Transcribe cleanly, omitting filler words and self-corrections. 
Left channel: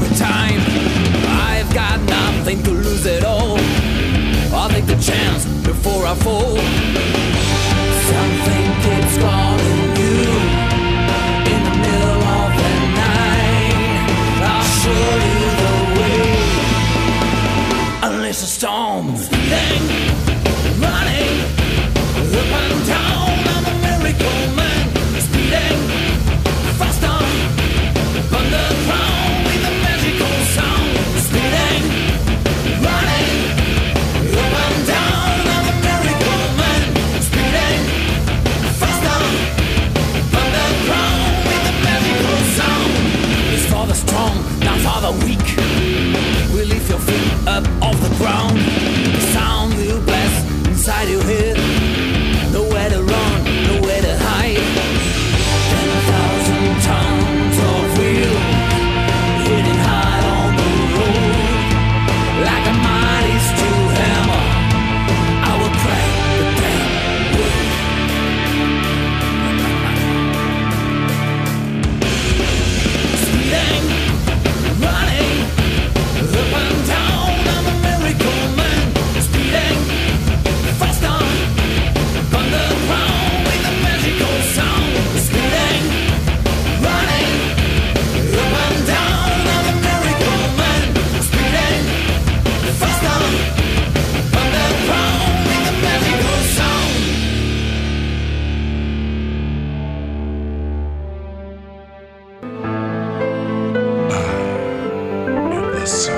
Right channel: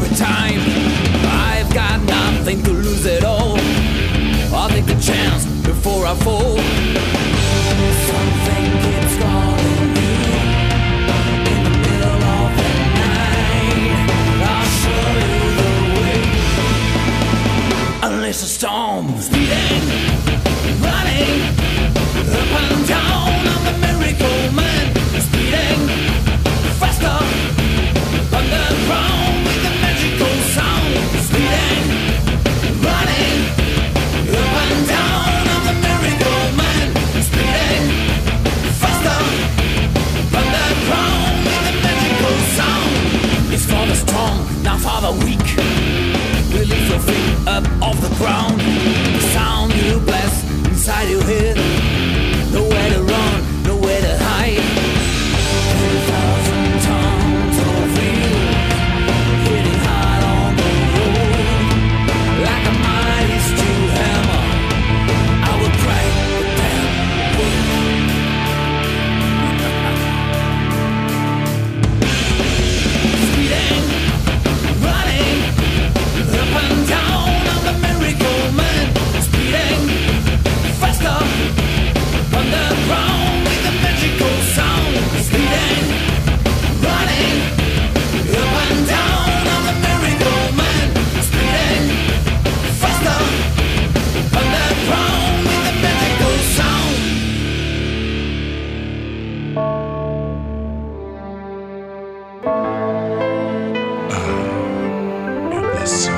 every time. I've got nothing to lose at all. I'll take the chance before I fall. Something keeps calling you in the middle of the night. I'll show you the way. Unleash a storm, speeding, running, up and down. I'm the miracle man, speeding faster, underground with a magical sound. Speeding, running, up and down. I'm the miracle man, speeding faster, underground with a magical sound. It's for the strong, not for the weak. We lift your feet up off the ground. The sound you bless inside your head. Nowhere to run, nowhere to hide. 10,000 tons of wheel hitting hard on the road. Like a mighty steel hammer, I will crack the damn wood. Speeding, running, up and down, I'm the miracle man. Speeding faster, underground with a magical sound. Speeding, running, up and down, I'm the miracle man. Speeding faster, underground with a magical sound. And this song